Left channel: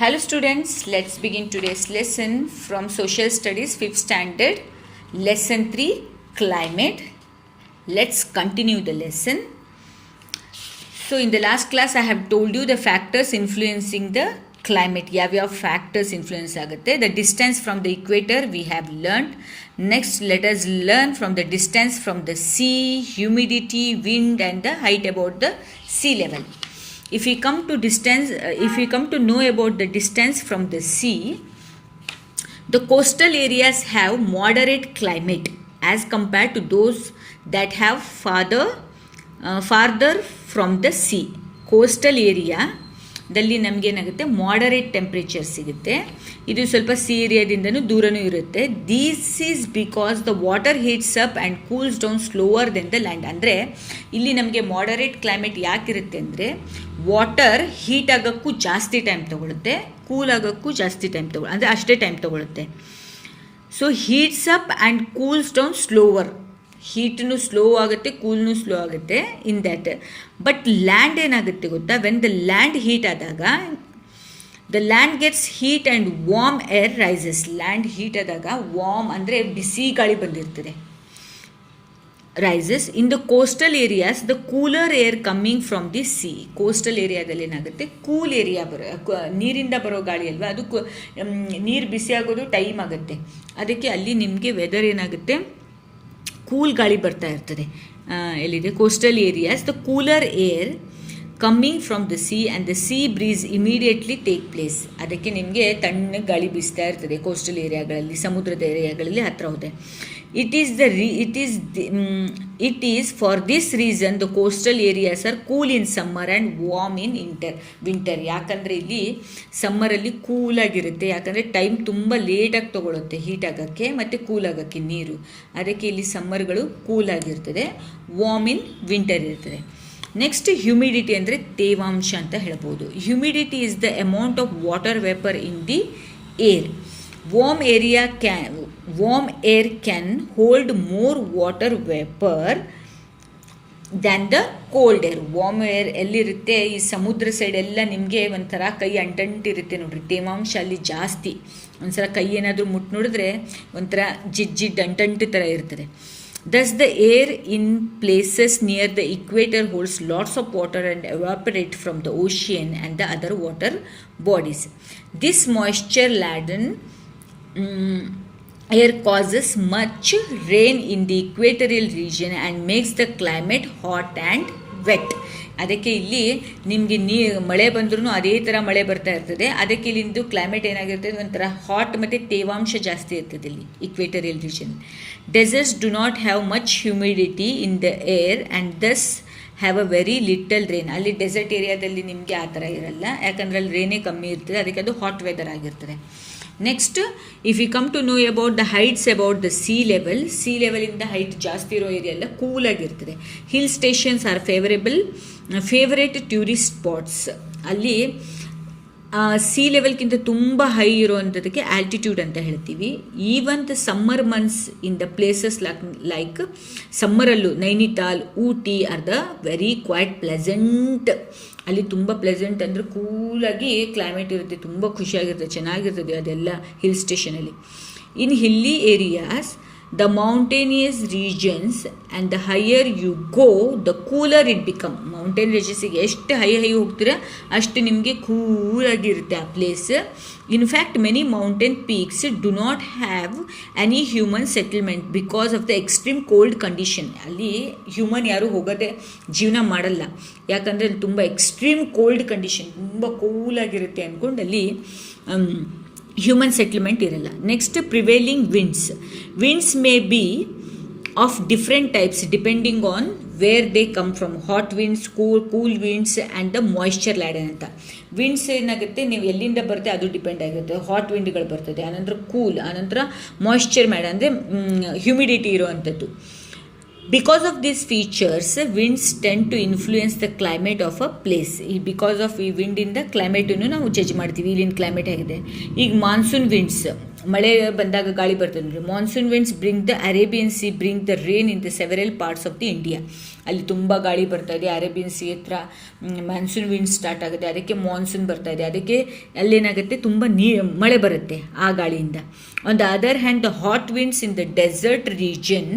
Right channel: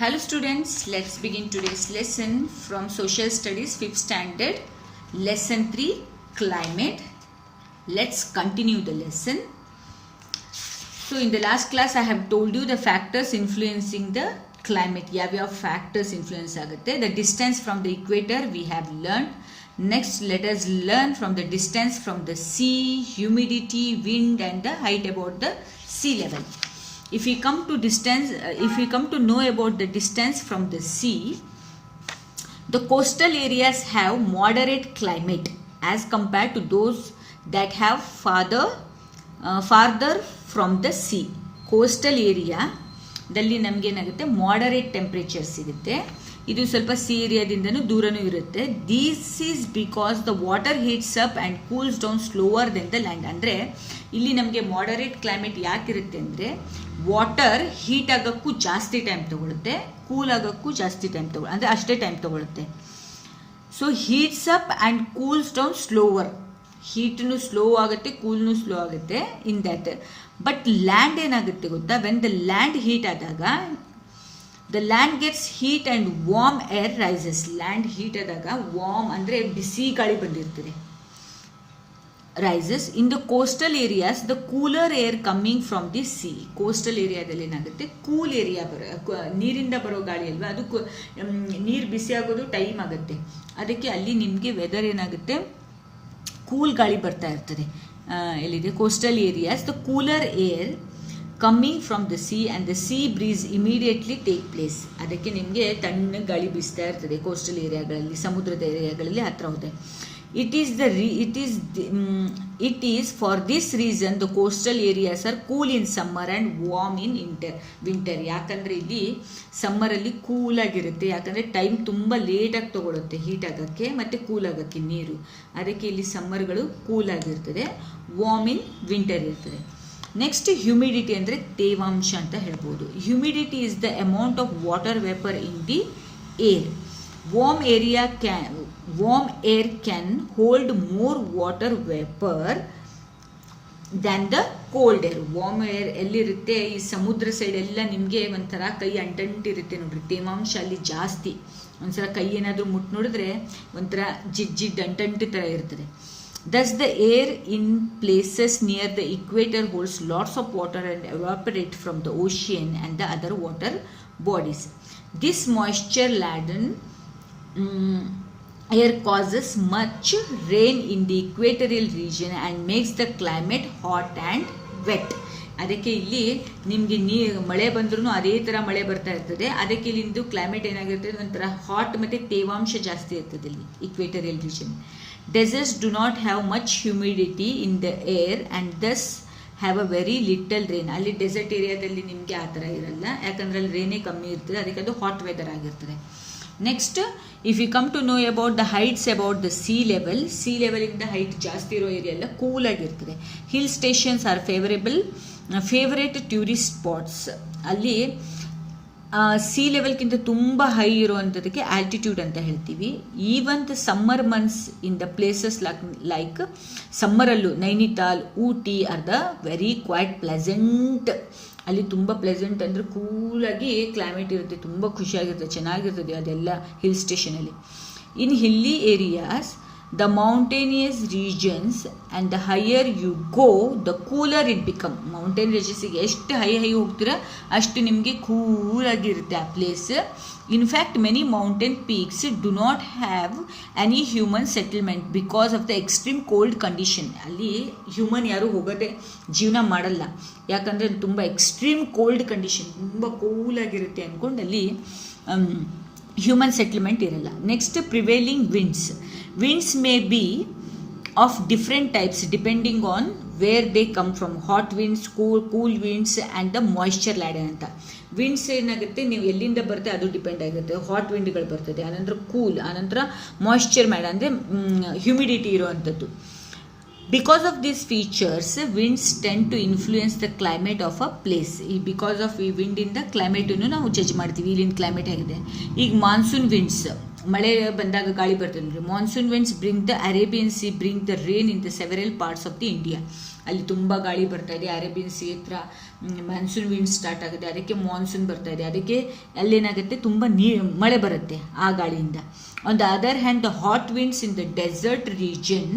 Hello students, let's begin today's lesson from Social Studies 5th Standard, Lesson 3, Climate. Let's continue the lesson. So in the last class I have told you the factors influencing the climate. Yav factors influence agutte. The distance from the equator we have learned. Next let us learn from the distance from the sea, humidity, wind and the height about the sea level. If we come to know about the distance from the sea, the coastal areas have moderate climate as compared to those that have farther from the sea. Coastal area ದಲ್ಲಿ ನಮಗೆ ಏನಾಗುತ್ತೆ moderate temperature ಸಿಗುತ್ತೆ. ಇದು ಸ್ವಲ್ಪ C ಏರಿಯಾದಿಂದನೂ ದೂರನೂ ಇರುತ್ತೆ. This is because the water heats up and cools down slower than the land. ಅಂದರೆ ಇಲ್ಲಿ ನಮಗೆ ಮಾಡರೇಟ್ ಕ್ಲೈಮೇಟ್ ಯಾಕಿರುತ್ತೆ ಅಂದರೆ ವಾಟರ್ ಹೀಟ್ ಆಗೋಕ್ಕೂ ಜಾಸ್ತಿ ಟೈಮ್ ತೊಗೊಳುತ್ತೆ, ಕೂಲ್ ಆಗೋಕ್ಕೂ ಜಾಸ್ತಿ ಟೈಮ್ ಅಂದರೆ ಅಷ್ಟೇ ಟೈಮ್ ತೊಗೊಳುತ್ತೆ. So heats up and cools down slower. ಹೀಟ್ನು ಸ್ಲೋ ಆಗುತ್ತೆ, ಕೂಲ್ನು ಸ್ಲೋ ಆಗುತ್ತೆ ಇನ್ ದ್ಯಾಟ್. ಬಟ್ ಲ್ಯಾಂಡ್ ಏನಾಗುತ್ತೆ ಗೊತ್ತಾ, ವೆನ್ ದ ಲ್ಯಾಂಡ್ ಹೀಟ್ ಆದಾಗ the land gets heat and warm air rises. Land heat ಆದಾಗ ವಾರ್ಮ್ ಅಂದರೆ ಬಿಸಿ ಗಾಳಿ ಬಂದಿರ್ತದೆ, rises. In the coastal areas the cooler air coming from the sea. Coastal ಏರಿಯಾದಲ್ಲಿ ಏನಾಗುತ್ತೆ, ಕೂಲ್ ಏರಿಯಾ ನೀರಿಂದ ಬರೋ ಗಾಳಿ ಅಲ್ವಾ, ಅದು ನೀರು ಬಿಸಿ ಆಗೋದು ಟೈಮ್ ಆಗುತ್ತೆ. ಅದಕ್ಕೆ ಅಲ್ಲಿ ನಿಮಗೆ ವೆದರ್ ಏನಾಗುತ್ತೆ, ಕೂಲ್ ಗಾಳಿ ಬರ್ತಾ ಇರ್ತದೆ. ಎಲ್ಲಿದೆ coastal areas the cooler air coming from the sea and the sea breeze immediately take place. ಅದಕ್ಕೆ ನಿಮಗೆ ತಣ್ಣಗೆ ಗಾಳಿ ಬೀಸ್ತಾ ಇರ್ತದೆ ಕೋಸ್ಟಲ್ ಏರಿಯಾಗಳಲ್ಲಿ, ಸಮುದ್ರದ ಏರಿಯಾಗಳಲ್ಲಿ ಹತ್ತಿರ ಹೋದೆ. It is for this reason the coastal areas are cool in summer and warm in winter. ಯಾಕಂದರೆ ಇಲ್ಲಿ ಸಮ್ಮರಲ್ಲಿ ಕೂಲ್ ಆಗಿರುತ್ತೆ, ಯಾಕಂದರೆ ಟೈಮ್ ತುಂಬ ಲೇಟಾಗಿ ತೊಗೊಳುತ್ತೆ ಹೀಟ್ ಆಗೋಕ್ಕೆ ಮತ್ತು ಕೂಲ್ ಆಗೋಕ್ಕೆ ನೀರು. ಅದಕ್ಕೆ ಇಲ್ಲಿ ಸಮ್ಮರ್ಗಳು ಕೂಲ್ ಆಗಿರ್ತದೆ, ವಾರ್ಮ್ ಇನ್ ವಿಂಟರ್ ಇರ್ತದೆ. ನೆಕ್ಸ್ಟ್ ಹ್ಯುಮಿಡಿಟಿ ಅಂದರೆ ತೇವಾಂಶ ಅಂತ ಹೇಳ್ಬೋದು. Humidity is the amount of water vapour in the air. Warm air can hold more water vapor than the cold air. Warm air ಎಲ್ಲಿರುತ್ತೆ, ಈ ಸಮುದ್ರ ಸೈಡ್ ಎಲ್ಲ ನಿಮಗೆ ಒಂಥರ ಕೈ ಅಂಟಂಟಿರುತ್ತೆ ನೋಡ್ರಿ, ತೇವಾಂಶ ಅಲ್ಲಿ ಜಾಸ್ತಿ. ಒಂದ್ಸಲ ಕೈ ಏನಾದರೂ ಮುಟ್ಟು ನೋಡಿದ್ರೆ ಒಂಥರ ಜಿಡ್ ಅಂಟಂಟಿ ಥರ ಇರ್ತದೆ. Thus the air in places near the equator holds lots of water and evaporate from the ocean and the other water bodies. This moisture laden air causes much rain in the equatorial region and makes the climate hot and wet. ಅದಕ್ಕೆ ಇಲ್ಲಿ ನಿಮಗೆ ಮಳೆ ಬಂದ್ರೂ ಅದೇ ಥರ ಮಳೆ ಬರ್ತಾ ಇರ್ತದೆ. ಅದಕ್ಕೆ ಇಲ್ಲಿಂದು ಕ್ಲೈಮೇಟ್ ಏನಾಗಿರ್ತದೆ, ಒಂಥರ ಹಾಟ್ ಮತ್ತು ತೇವಾಂಶ ಜಾಸ್ತಿ ಇರ್ತದೆ ಇಲ್ಲಿ equatorial region. Deserts do not have much humidity in the air and thus have a very little rain. ಅಲ್ಲಿ ಡೆಸರ್ಟ್ ಏರಿಯಾದಲ್ಲಿ ನಿಮಗೆ ಆ ಥರ ಇರಲ್ಲ, ಯಾಕಂದರೆ ಅಲ್ಲಿ ರೇನೇ ಕಮ್ಮಿ ಇರ್ತದೆ, ಅದಕ್ಕೆ ಅದು ಹಾಟ್ ವೆದರ್ ಆಗಿರ್ತದೆ. Next if you come to know about the heights about the sea ಲೆವೆಲಿಂದ ಹೈಟ್ ಜಾಸ್ತಿ ಇರೋ ಏರಿಯಾ ಎಲ್ಲ ಕೂಲ್ ಆಗಿರ್ತದೆ. Hill stations are favourite tourist spots. ಅಲ್ಲಿ ಸಿ ಲೆವೆಲ್ಗಿಂತ ತುಂಬ ಹೈ ಇರುವಂಥದ್ದಕ್ಕೆ ಆಲ್ಟಿಟ್ಯೂಡ್ ಅಂತ ಹೇಳ್ತೀವಿ. Even the summer months in the places like ಸಮ್ಮರಲ್ಲೂ Nainital, Ooty are the very quite pleasant. ಅಲ್ಲಿ ತುಂಬ ಪ್ಲೆಸೆಂಟ್ ಅಂದರೆ ಕೂಲಾಗಿ ಕ್ಲೈಮೇಟ್ ಇರುತ್ತೆ, ತುಂಬ ಖುಷಿಯಾಗಿರುತ್ತೆ, ಚೆನ್ನಾಗಿರ್ತದೆ ಅದೆಲ್ಲ ಹಿಲ್ ಸ್ಟೇಷನಲ್ಲಿ. In hilly areas the mountainous regions and the higher you go the cooler it become. Mountain ರೀಜನ್ಸಿಗೆ ಎಷ್ಟು ಹೈ ಹೋಗ್ತೀರಾ ಅಷ್ಟು ನಿಮಗೆ ಕೂಲಾಗಿರುತ್ತೆ ಆ place. In fact many mountain peaks do not have any human settlement because of the extreme cold condition. ಅಲ್ಲಿ human ಯಾರೂ ಹೋಗೋದೇ ಜೀವನ ಮಾಡಲ್ಲ, ಯಾಕಂದರೆ ಅಲ್ಲಿ ತುಂಬ ಎಕ್ಸ್ಟ್ರೀಮ್ ಕೋಲ್ಡ್ ಕಂಡೀಷನ್, ತುಂಬ ಕೂಲಾಗಿರುತ್ತೆ ಅಂದ್ಕೊಂಡು ಅಲ್ಲಿ ಹ್ಯೂಮನ್ ಸೆಟಲ್ಮೆಂಟ್ ಇರಲ್ಲ. Next prevailing winds may be of different types depending on where they come from. Hot winds, cool winds and the moisture Laden ಅಂತ. ವಿಂಡ್ಸ್ ಏನಾಗುತ್ತೆ, ನೀವು ಎಲ್ಲಿಂದ ಬರುತ್ತೆ ಅದು ಡಿಪೆಂಡ್ ಆಗಿರುತ್ತೆ. ಹಾಟ್ ವಿಂಡ್ಗಳು ಬರ್ತದೆ, ಆನಂತರ ಕೂಲ್, ಆನಂತರ ಮಾಯಿಶ್ಚರ್ ಮ್ಯಾಡ್ ಅಂದರೆ ಹ್ಯುಮಿಡಿಟಿ ಇರುವಂಥದ್ದು. Because of these features, winds tend to influence the climate of a place. Because of ಈ ವಿಂಡಿಂದ ಕ್ಲೈಮೇಟನ್ನು ನಾವು ಜಡ್ಜ್ ಮಾಡ್ತೀವಿ, ಇಲ್ಲಿನ ಕ್ಲೈಮೇಟ್ ಆಗಿದೆ. ಈಗ ಮಾನ್ಸೂನ್ ವಿಂಡ್ಸ್ ಮಳೆ ಬಂದಾಗ ಗಾಳಿ ಬರ್ತದೆ ನೋಡಿ. Monsoon winds bring the Arabian C bring the rain in the several parts of the India. ಅಲ್ಲಿ ತುಂಬ ಗಾಳಿ ಬರ್ತಾ ಇದೆ, ಅರೇಬಿಯನ್ ಸಿ ಹತ್ರ ಮಾನ್ಸೂನ್ ವಿಂಡ್ ಸ್ಟಾರ್ಟ್ ಆಗುತ್ತೆ, ಅದಕ್ಕೆ ಮಾನ್ಸೂನ್ ಬರ್ತಾ ಇದೆ, ಅದಕ್ಕೆ ಅಲ್ಲೇನಾಗುತ್ತೆ ತುಂಬ ಮಳೆ ಬರುತ್ತೆ ಆ ಗಾಳಿಯಿಂದ. On the other hand the hot winds in the desert region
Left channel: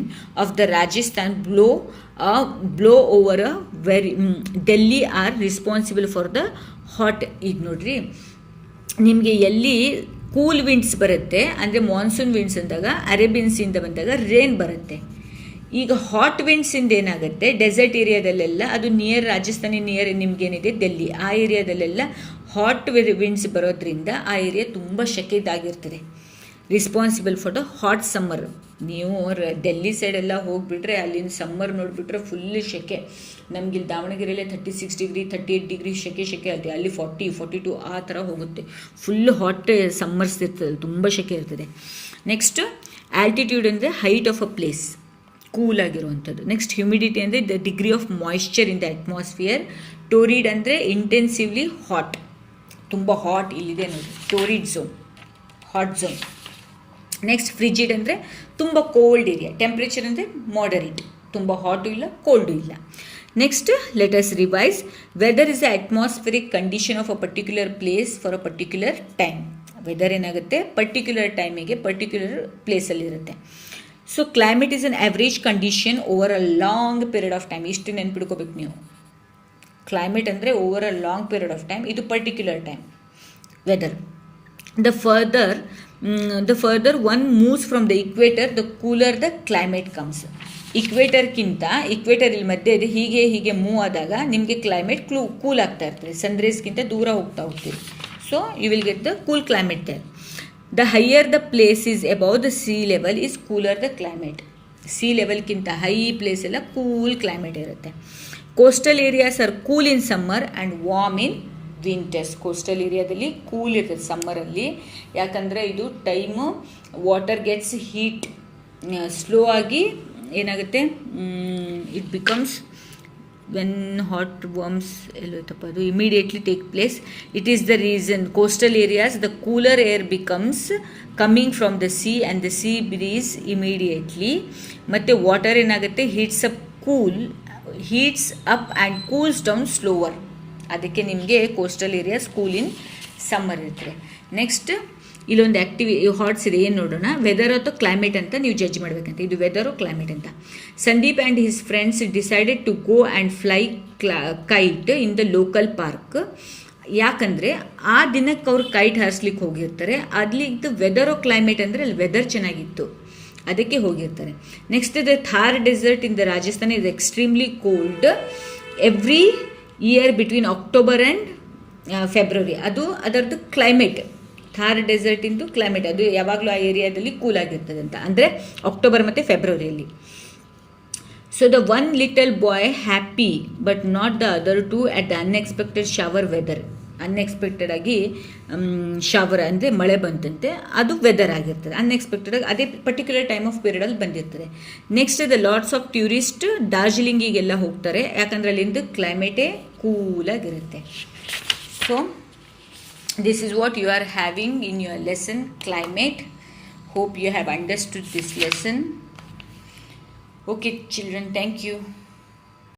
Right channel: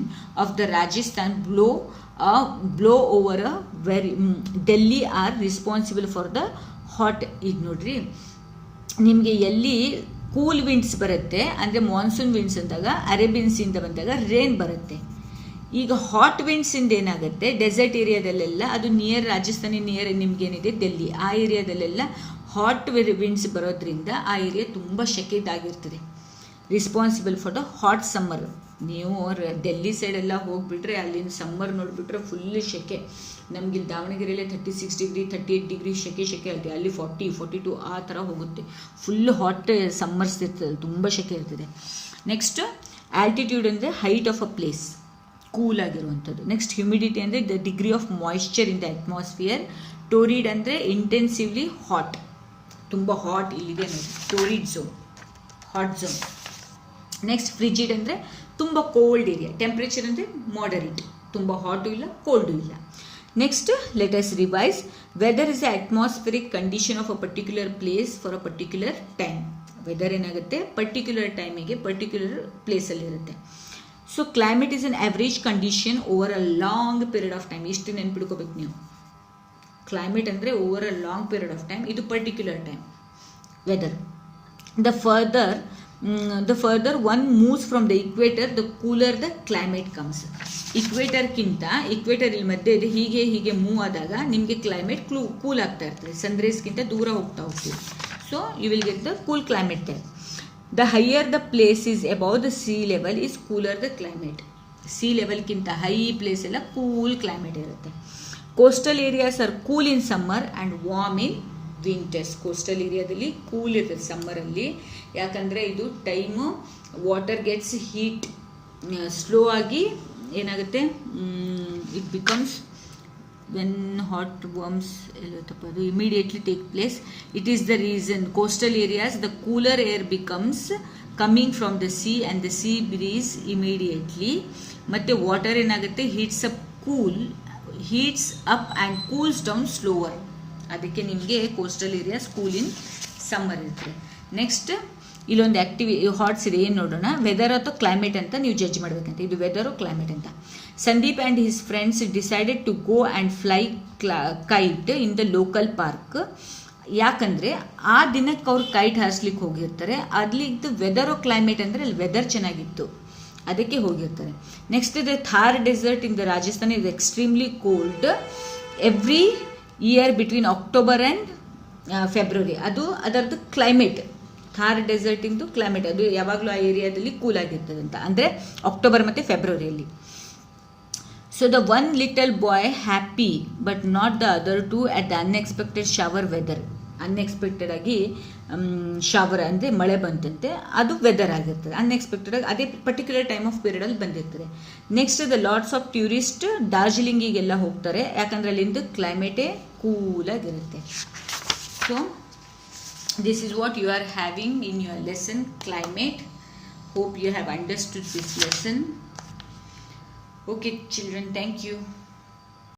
of the Rajasthan blow over Delhi are responsible for the hot. ಈಗ ನೋಡ್ರಿ, ನಿಮಗೆ ಎಲ್ಲಿ ಕೂಲ್ ವಿಂಡ್ಸ್ ಬರುತ್ತೆ ಅಂದರೆ ಮಾನ್ಸೂನ್ ವಿಂಡ್ಸ್ ಅಂದಾಗ ಅರೇಬಿಯನ್ಸಿಂದ ಬಂದಾಗ ರೇನ್ ಬರುತ್ತೆ. ಈಗ ಹಾಟ್ ವಿಂಡ್ಸಿಂದ ಏನಾಗುತ್ತೆ, ಡೆಸರ್ಟ್ ಏರಿಯಾದಲ್ಲೆಲ್ಲ ಅದು ನಿಯರ್ ರಾಜಸ್ಥಾನಿ ನಿಯರ್ ನಿಮ್ಗೇನಿದೆ ಡೆಲ್ಲಿ, ಆ ಏರಿಯಾದಲ್ಲೆಲ್ಲ ಹಾಟ್ ವಿಂಡ್ಸ್ ಬರೋದ್ರಿಂದ ಆ ಏರಿಯಾ ತುಂಬ ಶೆಕೆದಾಗಿರ್ತದೆ. Responsible for the hot summer. ನೀವು ಡೆಲ್ಲಿ ಸೈಡೆಲ್ಲ ಹೋಗಿಬಿಟ್ರೆ ಅಲ್ಲಿನ ಸಮ್ಮರ್ ನೋಡಿಬಿಟ್ರೆ ಫುಲ್ ಶೆಕೆ. ನಮಗೆ ಇಲ್ಲಿ ದಾವಣಗೆರೆಯಲ್ಲೇ 36 ಡಿಗ್ರಿ 38 ಡಿಗ್ರಿ ಶೆಕೆ ಇರುತ್ತೆ, ಅಲ್ಲಿ 40 42 ಆ ಥರ ಹೋಗುತ್ತೆ. ಫುಲ್ ಹಾಟ್ ಸಮ್ಮರ್ಸ್ ಇರ್ತದೆ, ತುಂಬ ಶೆಕೆ ಇರ್ತದೆ. ನೆಕ್ಸ್ಟ್ ಆಲ್ಟಿಟ್ಯೂಡ್ ಅಂದರೆ height of a place, cool ಆಗಿರುವಂಥದ್ದು. ನೆಕ್ಸ್ಟ್ ಹ್ಯುಮಿಡಿಟಿ ಅಂದರೆ the degree of moisture in the atmosphere. Torrid ಅಂದರೆ ಇಂಟೆನ್ಸಿವ್ಲಿ ಹಾಟ್, ತುಂಬ ಹಾಟ್ ಇಲ್ಲಿದೆ ನೋಡಿ, torrid zone, hot zone. Next frigid ಅಂದರೆ ತುಂಬ ಕೋಲ್ಡ್ ಏರಿಯಾ. ಟೆಂಪ್ರೇಚರ್ ಅಂದರೆ ಮಾಡರೇಟ್, ತುಂಬ ಹಾಟು ಇಲ್ಲ ಕೋಲ್ಡು ಇಲ್ಲ. Next let us revise. Weather is the atmospheric condition of a particular place for a particular time. Weather ಏನಾಗುತ್ತೆ, particular ಟೈಮಿಗೆ particular ಪ್ಲೇಸಲ್ಲಿರುತ್ತೆ. So climate is an average condition over a long period of time. ಇಷ್ಟು ನೆನ್ಪಿಡ್ಕೋಬೇಕು ನೀವು. Climate ಅಂದರೆ over a long period of time, ಇದು particular time weather. The further one moves from the equator, the cooler the climate comes. ಇಕ್ವೇಟರ್ಗಿಂತ ಇಲ್ಲಿ ಮಧ್ಯೆ ಇದೆ, ಹೀಗೆ move ಆದಾಗ ನಿಮಗೆ ಕ್ಲೈಮೇಟ್ ಕೂಲ್ ಆಗ್ತಾ ಇರ್ತದೆ, ಸನ್ರೈಸ್ಗಿಂತ ದೂರ ಹೋಗ್ತೀವಿ. So you will get the cool climate there. The higher the place is above the sea level is cooler the climate. Sea ಲೆವೆಲ್ಗಿಂತ ಹೈ ಪ್ಲೇಸ್ ಎಲ್ಲ ಕೂಲ್ ಕ್ಲೈಮೇಟ್ ಇರುತ್ತೆ. Coastal areas are cool in summer and warm in winters. Coastal ಏರಿಯಾದಲ್ಲಿ cool ಇರ್ತದೆ ಸಮ್ಮರಲ್ಲಿ, ಯಾಕಂದರೆ ಇದು time water gets heat slow ಆಗಿ ಏನಾಗುತ್ತೆ, it becomes when hot warms ಎಲ್ಲೋಯ್ತಪ್ಪ ಅದು immediately take place. It is the reason coastal areas the cooler air becomes coming from the sea and the sea breeze immediately. ಮತ್ತು water ಏನಾಗುತ್ತೆ, heats up and cools down slower. ಅದಕ್ಕೆ ನಿಮಗೆ coastal areas cool in summer ಇರ್ತದೆ. Next ಇಲ್ಲೊಂದು ಹಾಟ್ಸ್ ಇದೆ, ಏನು ನೋಡೋಣ. ವೆದರ್ ಅಥವಾ ಕ್ಲೈಮೇಟ್ ಅಂತ ನೀವು ಜಡ್ಜ್ ಮಾಡಬೇಕಂತ. ಇದು ವೆದರು ಕ್ಲೈಮೇಟ್ ಅಂತ. Sandeep and his friends decided to go and fly kite in the local park. ಯಾಕಂದರೆ ಆ ದಿನಕ್ಕೆ ಅವ್ರು ಕೈಟ್ ಹಾರಿಸ್ಲಿಕ್ಕೆ ಹೋಗಿರ್ತಾರೆ. ಅಲ್ಲಿದ್ದು ವೆದರ್ ಕ್ಲೈಮೇಟ್ ಅಂದರೆ ಅಲ್ಲಿ ವೆದರ್ ಚೆನ್ನಾಗಿತ್ತು, ಅದಕ್ಕೆ ಹೋಗಿರ್ತಾರೆ. Next the Thar desert in the Rajasthan is extremely cold every year between October and February. ಅದು ಅದರದ್ದು ಕ್ಲೈಮೇಟ್, ಥಾರ್ ಡೆಸರ್ಟ್ ಇಂದು ಕ್ಲೈಮೇಟ್ ಅದು ಯಾವಾಗಲೂ ಆ ಏರಿಯಾದಲ್ಲಿ ಕೂಲ್ ಆಗಿರ್ತದೆ ಅಂತ, ಅಂದರೆ ಅಕ್ಟೋಬರ್ ಮತ್ತು ಫೆಬ್ರವರಿಯಲ್ಲಿ. So the one little boy happy but not the other two at the unexpected shower weather. Unexpected ಆಗಿ ಶವರ್ ಅಂದರೆ ಮಳೆ ಬಂತಂತೆ, ಅದು ವೆದರ್ ಆಗಿರ್ತದೆ. ಅನ್ಎಕ್ಸ್ಪೆಕ್ಟೆಡ್ ಆಗಿ ಅದೇ ಪರ್ಟಿಕ್ಯುಲರ್ ಟೈಮ್ ಆಫ್ ಪೀರಿಯಡಲ್ಲಿ ಬಂದಿರ್ತದೆ. Next the lots of tourist ಡಾರ್ಜಿಲಿಂಗಿಗೆಲ್ಲ ಹೋಗ್ತಾರೆ, ಯಾಕಂದರೆ ಅಲ್ಲಿಂದ ಕ್ಲೈಮೇಟೇ ಕೂಲಾಗಿರುತ್ತೆ. So this is what you are having in your lesson climate. Hope you have understood this lesson. Okay children, thank you.